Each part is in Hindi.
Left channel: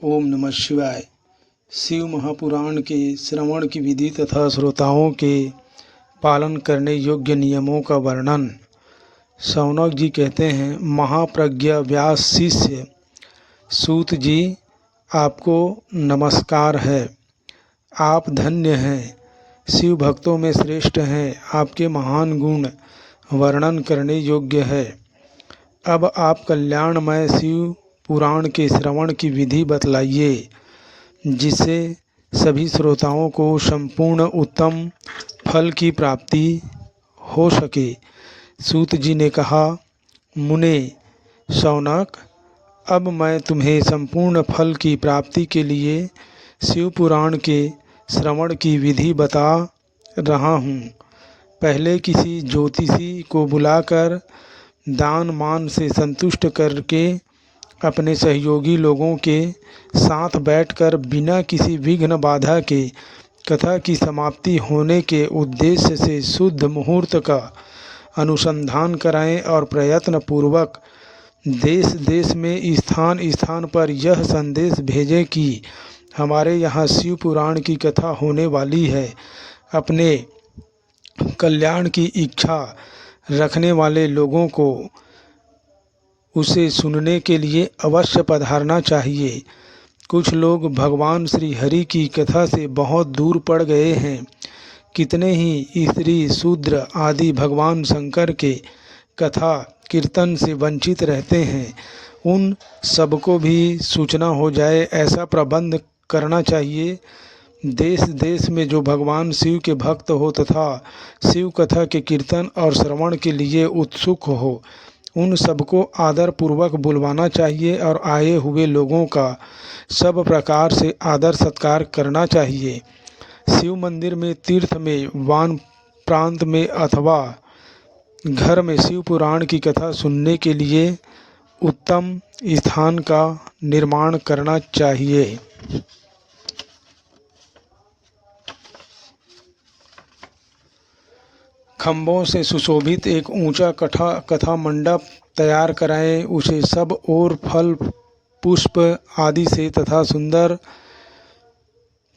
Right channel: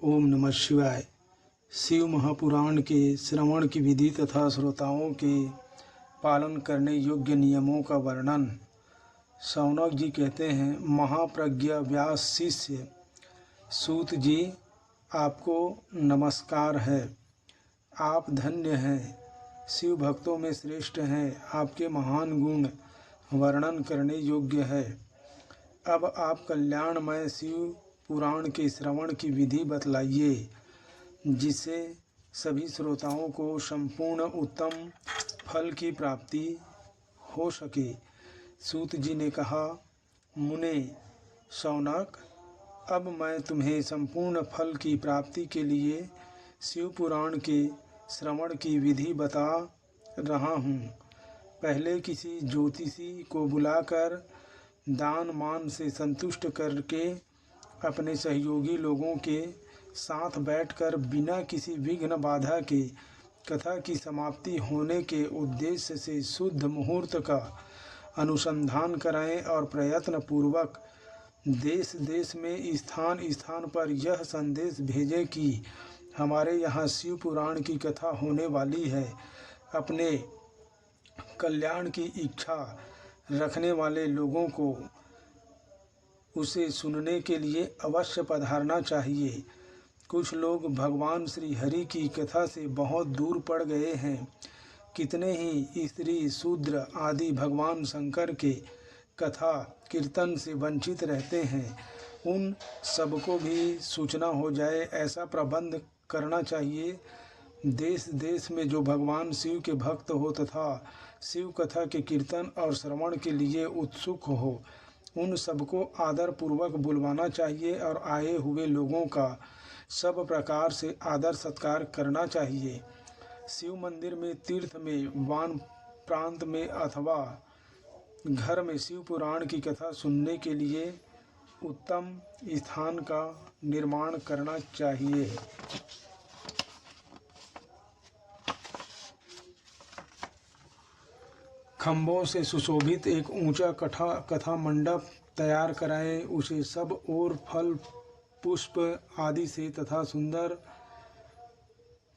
ओम नमः शिवाय। शिव महापुराण के श्रवण की विधि तथा श्रोताओं के पालन करने योग्य नियमों का वर्णन। शौनक जी कहते हैं, महाप्रज्ञा व्यास शिष्य सूत जी, आपको नमस्कार है। आप धन्य हैं, शिव भक्तों में श्रेष्ठ हैं। आपके महान गुण वर्णन करने योग्य है। अब आप कल्याणमय शिव पुराण के श्रवण की विधि बतलाइए, जिससे सभी श्रोताओं को संपूर्ण उत्तम फल की प्राप्ति हो सके। सूत जी ने कहा, मुने शौनक, अब मैं तुम्हें संपूर्ण फल की प्राप्ति के लिए शिव पुराण के श्रवण की विधि बता रहा हूँ। पहले किसी ज्योतिषी को बुलाकर दान मान से संतुष्ट करके अपने सहयोगी लोगों के साथ बैठकर बिना किसी विघ्न बाधा के कथा की समाप्ति होने के उद्देश्य से शुद्ध मुहूर्त का अनुसंधान कराएं और प्रयत्न पूर्वक देश देश में स्थान स्थान पर यह संदेश भेजें कि हमारे यहाँ शिव पुराण की कथा होने वाली है। अपने कल्याण की इच्छा रखने वाले लोगों को उसे सुनने के लिए अवश्य पधारना चाहिए। कुछ लोग भगवान श्री हरि की कथा से बहुत दूर पड़ गए हैं। कितने ही स्त्री शूद्र आदि भगवान शंकर के कथा कीर्तन से वंचित रहते हैं। उन सबको भी सूचना हो जाए, ऐसा प्रबंध करना चाहिए। देश देश में जो भगवान शिव के भक्त हो तथा शिव कथा के कीर्तन और श्रवण के लिए उत्सुक हो, उन सबको आदर पूर्वक बुलवाना चाहिए और आए हुए लोगों का सब प्रकार से आदर सत्कार करना चाहिए। शिव मंदिर में, तीर्थ में, वन प्रांत में अथवा घर में शिव पुराण की कथा सुनने के लिए उत्तम स्थान का निर्माण करना चाहिए। खम्भों से सुशोभित एक ऊंचा कथा मंडप तैयार कराएं। उसे सब ओर फल पुष्प आदि से तथा सुंदर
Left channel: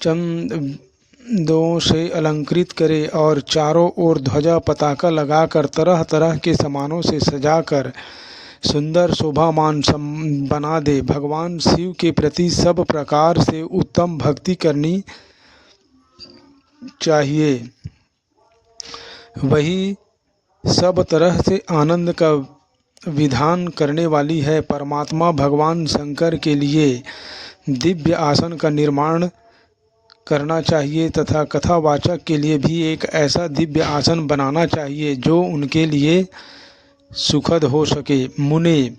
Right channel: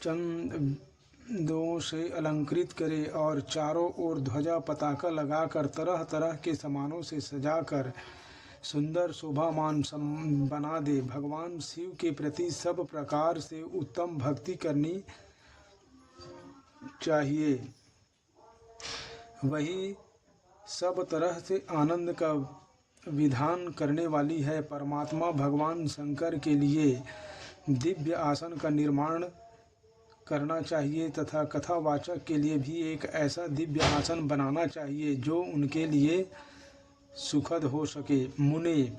चंदों से अलंकृत करें और चारों ओर ध्वजा पताका लगाकर तरह तरह के सामानों से सजाकर सुंदर शोभामान बना दे। भगवान शिव के प्रति सब प्रकार से उत्तम भक्ति करनी चाहिए। वही सब तरह से आनंद का विधान करने वाली है। परमात्मा भगवान शंकर के लिए दिव्य आसन का निर्माण करना चाहिए तथा कथावाचक के लिए भी एक ऐसा दिव्य आसन बनाना चाहिए जो उनके लिए सुखद हो सके। मुने,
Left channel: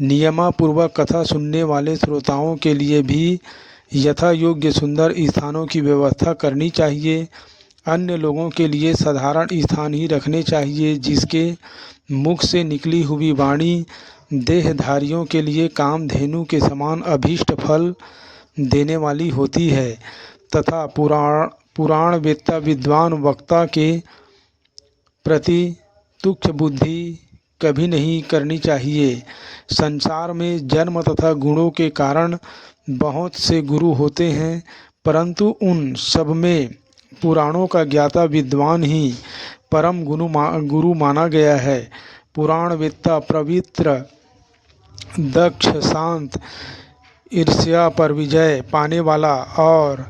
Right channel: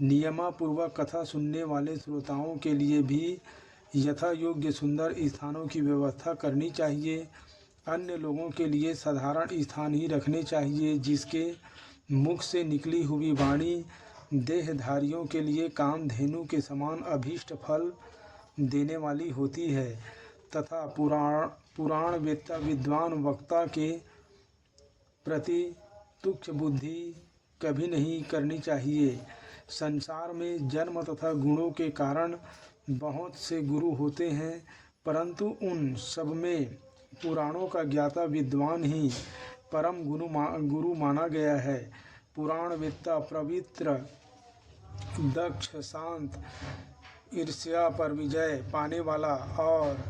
नियमापूर्वक कथा सुनने वाले श्रोताओं के लिए भी यथा योग्य सुंदर स्थानों की व्यवस्था करनी चाहिए। अन्य लोगों के लिए साधारण स्थान ही रखने चाहिए, जिसके मुख से निकली हुई वाणी देहधारियों के लिए कामधेनु के समान अभीष्ट फल देने वाली होती है तथा पुराण वेत्ता विद्वान वक्ता के प्रति तुच्छ बुद्धि कभी नहीं करनी चाहिए। संसार में जन्म तथा गुणों के कारण बहुत से गुरु होते हैं, परंतु उन सब में पुराणों का ज्ञाता विद्वान ही परम गुरु माना गया है। पुराण वेत्ता पवित्र, दक्ष, शांत, ईर्ष्या पर विजय पाने वाला और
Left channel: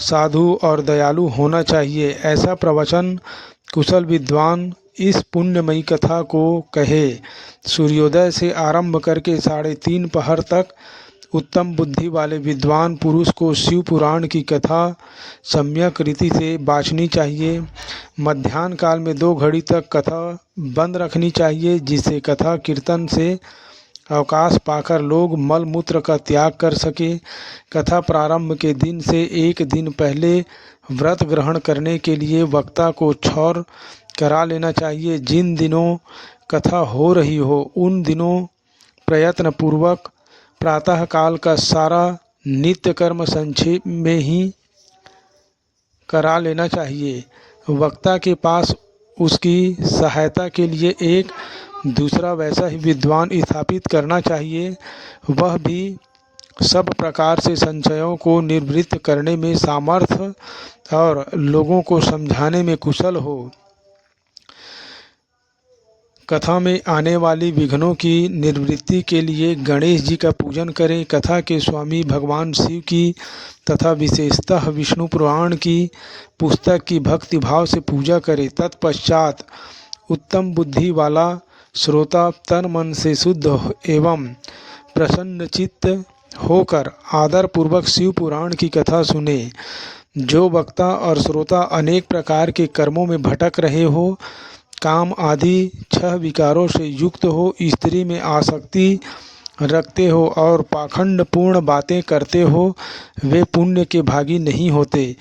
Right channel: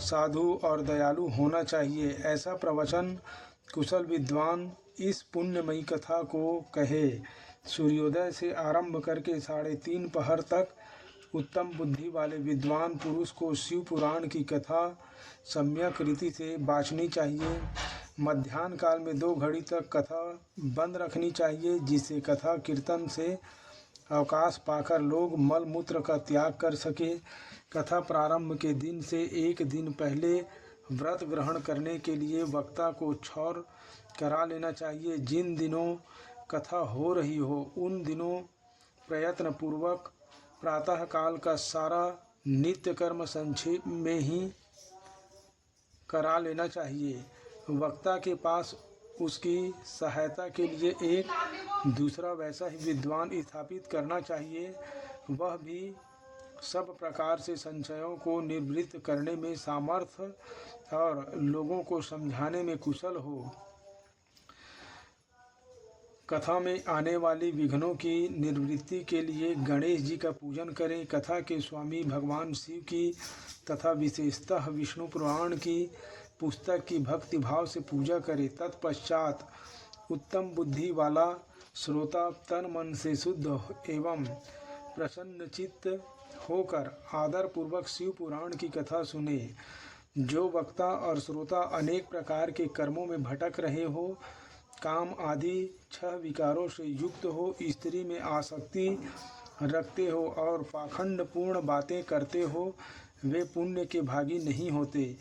साधु और दयालु होना चाहिए। ऐसा प्रवचन कुशल विद्वान इस पुण्यमयी कथा को कहे। सूर्योदय से आरंभ करके 3:30 पहर तक उत्तम बुद्धि वाले विद्वान पुरुष को शिव पुराण की कथा सम्यक रीति से बाँचनी चाहिए। मध्याह्न काल में 2 घड़ी तक कथा बंद रखनी चाहिए, जिससे कथा कीर्तन से अवकाश पाकर लोग मल मूत्र का त्याग कर सके। कथा प्रारंभ के दिन से एक दिन पहले व्रत ग्रहण करने के लिए वक्ता को क्षौर करा लेना चाहिए। जिन दिनों कथा हो रही हो उन दिनों प्रयत्न पूर्वक प्रातः काल का सारा नित्य कर्म संक्षेप में ही करा लेना चाहिए। वक्ता के पास उसकी सहायता के लिए एक दूसरा वैसा ही विद्वान स्थापित करना चाहिए। वह भी सब प्रकार से संशयों को निवृत्त करने में सामर्थ्य और लोगों को समझाने में कुशल हो। कथा में आने वाली विघ्नों की निवृत्ति के लिए गणेश जी का पूजन करें। कथा के स्वामी भगवान शिव की तथा विशेषतः विष्णु पुराण की पुस्तक की भक्ति भाव से पूजा करें। तत्पश्चात उत्तम बुद्धि वाला श्रोता तन मन से शुद्ध एवं प्रसन्नचित्त होकर आदर पूर्वक शिव पुराण की कथा सुने। जो वक्ता और श्रोता अनेक प्रकार के कर्मों में भटक रहे हो, काम आदि 6 विकारों से युक्त हो, स्त्री में आसक्ति रखते हो और पाखंड पूर्ण बातें करते हो, वे पुण्य के भागी नहीं होते।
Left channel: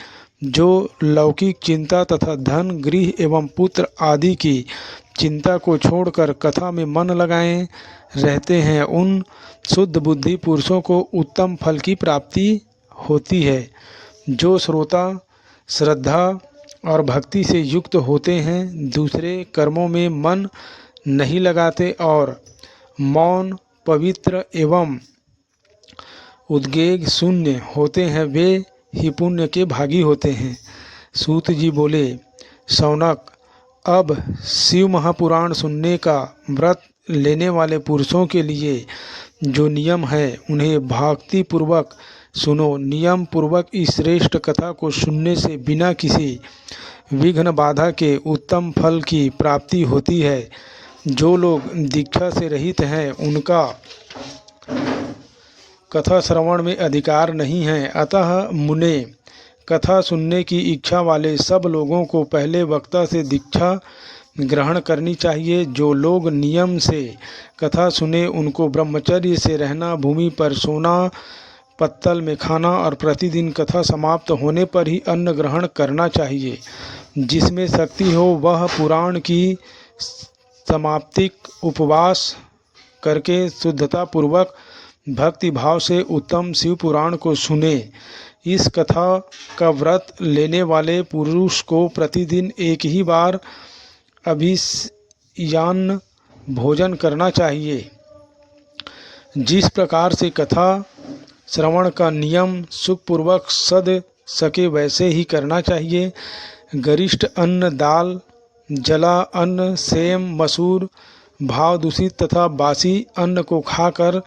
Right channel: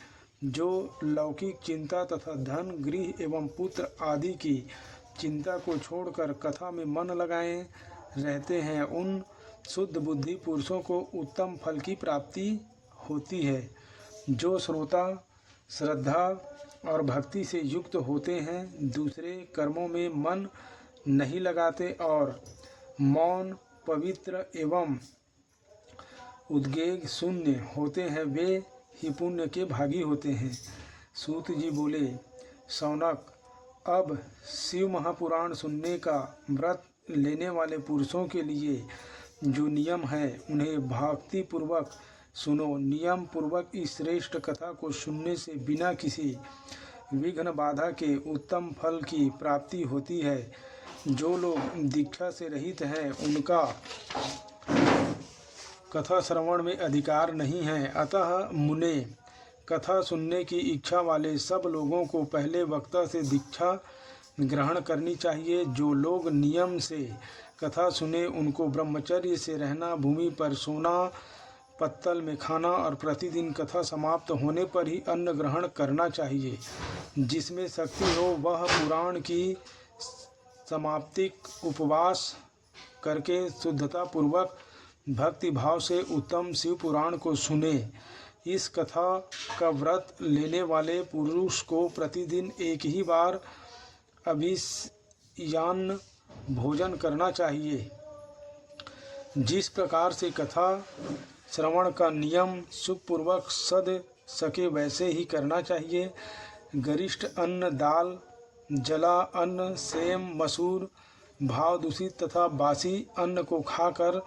जो लौकिक चिंता तथा धन गृह एवं पुत्र आदि की चिंता को छोड़कर कथा में मन लगाए रहते हैं, उन शुद्ध बुद्धि पुरुषों को उत्तम फल की प्राप्ति होती है। जो श्रोता श्रद्धा और भक्ति से युक्त होते हैं, दूसरे कर्मों में मन नहीं लगाते और मौन पवित्र एवं उद्वेग शून्य होते हैं, वे ही पुण्य के भागी होते हैं। सूत जी बोले, शौनक, अब शिव महापुराण सुनने का व्रत लेने वाले पुरुषों के लिए जो नियम है उन्हें भक्ति पूर्वक सुनो। नियम पूर्वक इस श्रेष्ठ कथा को सुनने से बिना किसी विघ्न बाधा के उत्तम फल की प्राप्ति होती है। जो लोग दीक्षा से रहित हैं उनका कथा श्रवण में अधिकार नहीं है। अतः मुने, कथा सुनने की इच्छा वाले सब लोगों को पहले वक्ता से दीक्षा ग्रहण करनी चाहिए। जो लोग नियम से कथा सुने उनको ब्रह्मचर्य से रहना, भूमि पर सोना, पत्तल में खाना और प्रतिदिन कथा समाप्त होने पर ही अन्न ग्रहण करना चाहिए। जिसमें शक्ति हो वह पुराण की समाप्ति उपवास करके शुद्धता पूर्वक भक्ति भाव से उत्तम शिव पुराण को सुने। इस कथा का व्रत लेने वाले पुरुष को प्रतिदिन एक ही बार अभियान भोजन करना चाहिए। जिस प्रकार से कथा श्रवण का नियम सुखपूर्वक सद सके वैसे ही करना चाहिए। गरिष्ठ अन्न, दाल, जला अन्न, सेम, मसूर, भाव दूषित तथा बासी अन्न को खाकर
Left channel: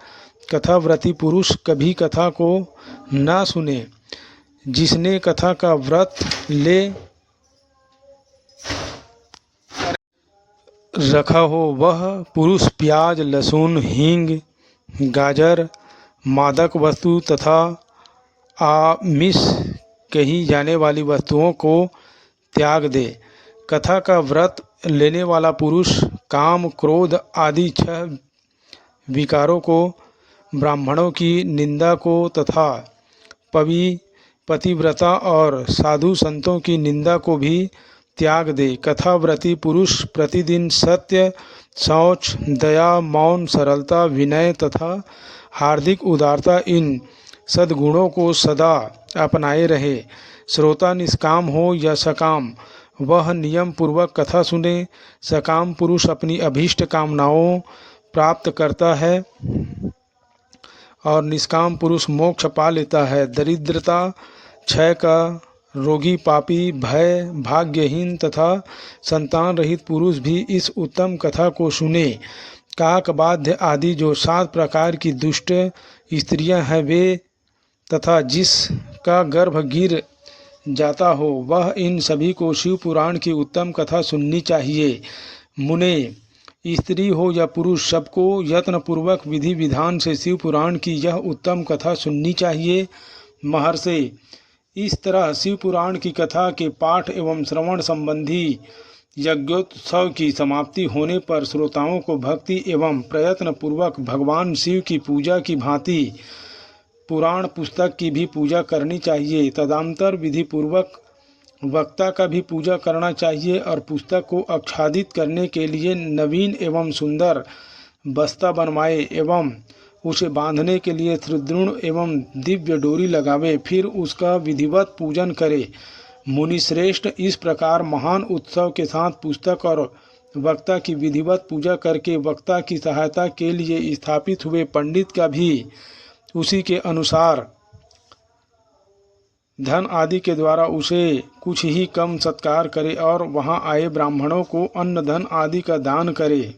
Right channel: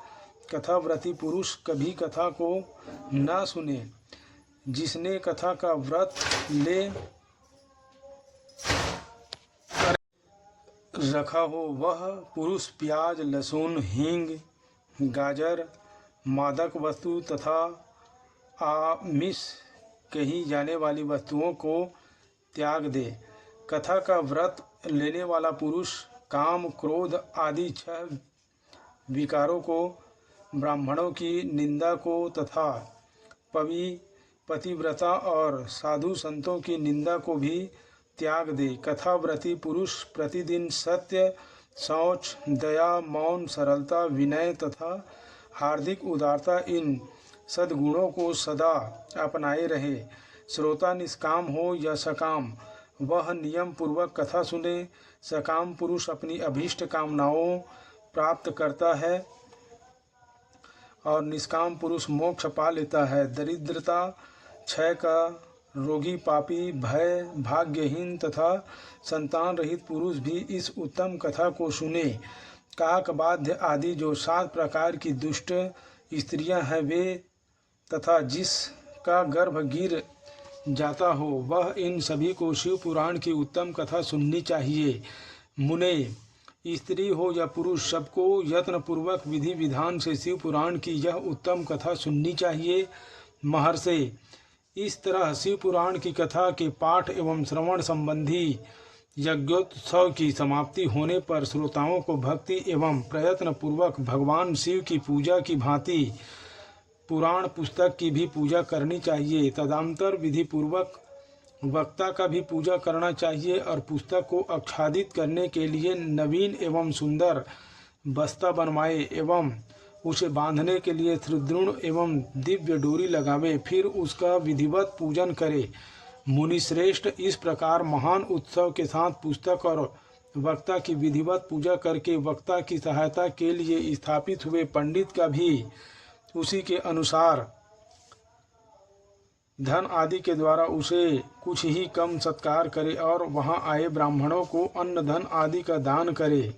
कथाव्रती पुरुष कभी कथा को न सुने। जिसने कथा का व्रत ले रखा हो वह पुरुष प्याज, लहसुन, हींग, गाजर, मादक वस्तु तथा आमिष कही जाने वाली वस्तुओं को त्याग दे। कथा का व्रत लेने वाला पुरुष काम, क्रोध आदि 6 विकारों को, ब्राह्मणों की निंदा को तथा पतिव्रता और साधु संतों की निंदा को भी त्याग दे। कथाव्रती पुरुष प्रतिदिन सत्य, शौच, दया, मौन, सरलता, विनय तथा हार्दिक उदारता इन सद्गुणों को सदा अपनाए रहे। श्रोता निष्काम हो या सकाम वह नियम पूर्वक कथा सुने। सकाम पुरुष अपनी अभीष्ट कामनाओं प्राप्त करता है और निष्काम पुरुष मोक्ष पा लेता है। दरिद्रता, क्षय का, रोगी, पापी, भय, भाग्यहीन तथा संतान रहित पुरुष भी इस उत्तम कथा को सुने। काक, बाध्य आदि जो 7 प्रकार की दुष्ट स्त्रियां हैं वे तथा जिसका गर्भ गिर जाता हो वह इन सभी को शिव पुराण की उत्तम कथा सुननी चाहिए। मुने, स्त्री हो या पुरुष सबको यत्नपूर्वक विधि विधान से शिव पुराण की यह उत्तम कथा सुननी चाहिए। महर्षि, इस तरह शिव पुराण की कथा के पाठ एवं श्रवण संबंधी यज्ञोत्सव की समाप्ति होने पर श्रोताओं को भक्ति एवं प्रयत्न पूर्वक भगवान शिव की पूजा की भांति पुराण पुस्तक की भी पूजा करनी चाहिए। तदंतर विधि पूर्वक वक्ता का भी पूजा करना चाहिए और पुस्तक को आच्छादित करने के लिए नवीन एवं सुंदर बस्ता बनवाए एवं उसे बांधने के लिए सुदृढ़ एवं दिव्य डोरी लगावे, फिर उसका विधिवत पूजन करे। मुनिश्रेष्ठ, इस प्रकार महान उत्सव के साथ पुस्तक और वक्ता की विधिवत पूजा करके वक्ता की सहायता के लिए स्थापित हुए पंडित का भी उसी के अनुसार धन आदि के द्वारा उसे कुछ ही कम सत्कार करे और वहां आए ब्राह्मणों को अन्न धन आदि का दान करे।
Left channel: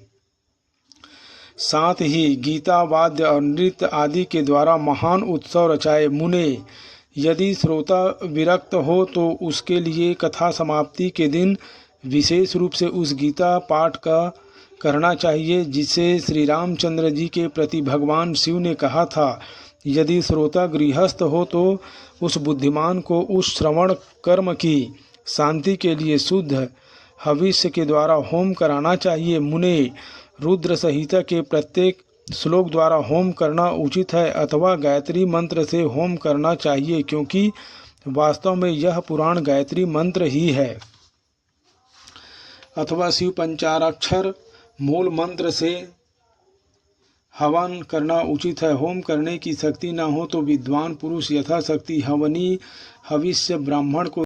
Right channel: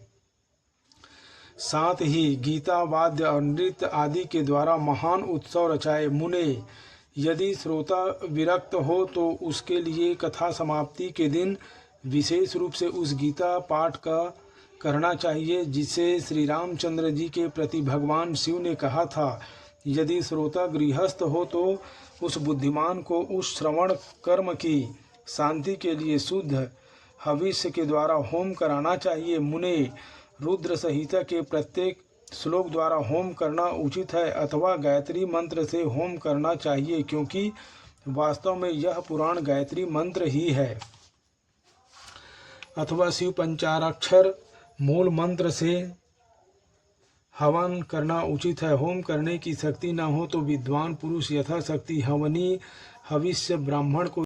साथ ही गीता वाद्य और नृत्य आदि के द्वारा महान उत्सव रचाए। मुने, यदि श्रोता विरक्त हो तो उसके लिए कथा समाप्ति के दिन विशेष रूप से उस गीता पाठ का करना चाहिए जिसे श्री रामचंद्र जी के प्रति भगवान शिव ने कहा था। यदि श्रोता गृहस्थ हो तो उस बुद्धिमान को उस श्रवण कर्म की शांति के लिए शुद्ध हविष्य के द्वारा होम कराना चाहिए। मुने, रुद्र संहिता के प्रत्येक श्लोक द्वारा होम करना उचित है अथवा गायत्री मंत्र से होम करना चाहिए, क्योंकि वास्तव में यह पुराण गायत्री मंत्र ही है। अथवा शिव पंचाक्षर मूल मंत्र से हवन करना उचित है। होम करने की शक्ति न हो तो विद्वान पुरुष यथाशक्ति हवनी हविष्य ब्राह्मण को